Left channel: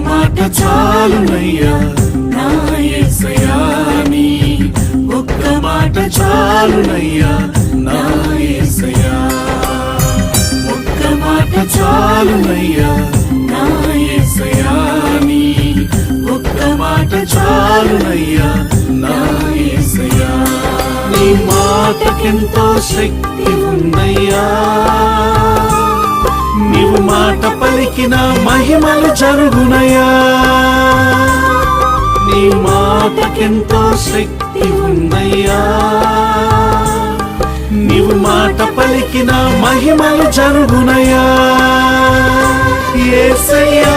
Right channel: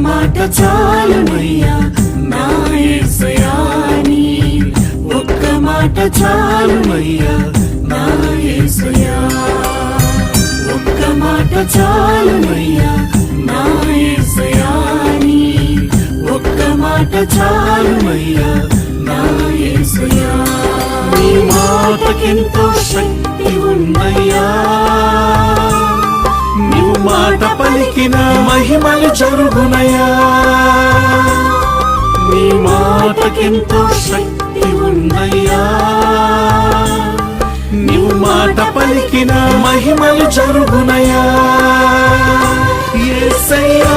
మాట చాలునయ్యా నా యేసయ్యా నీ ఒక్క మాట చాలునయ్యా నా యేసయ్యా ఒక్క మాట చాలునయ్యా నా యేసయ్యా నీ ఒక్క మాట చాలునయ్యా నా యేసయ్యా నీ మాటకెంతో శక్తి ఉందయ్యా నీవు మాట పలికిన మహిమలు చరుగునయ్యా నీ మాటకెంతో శక్తి ఉందయ్యా నీవు మాట పలికిన మహిమలు చరుగునయ్యా యేసయ్యా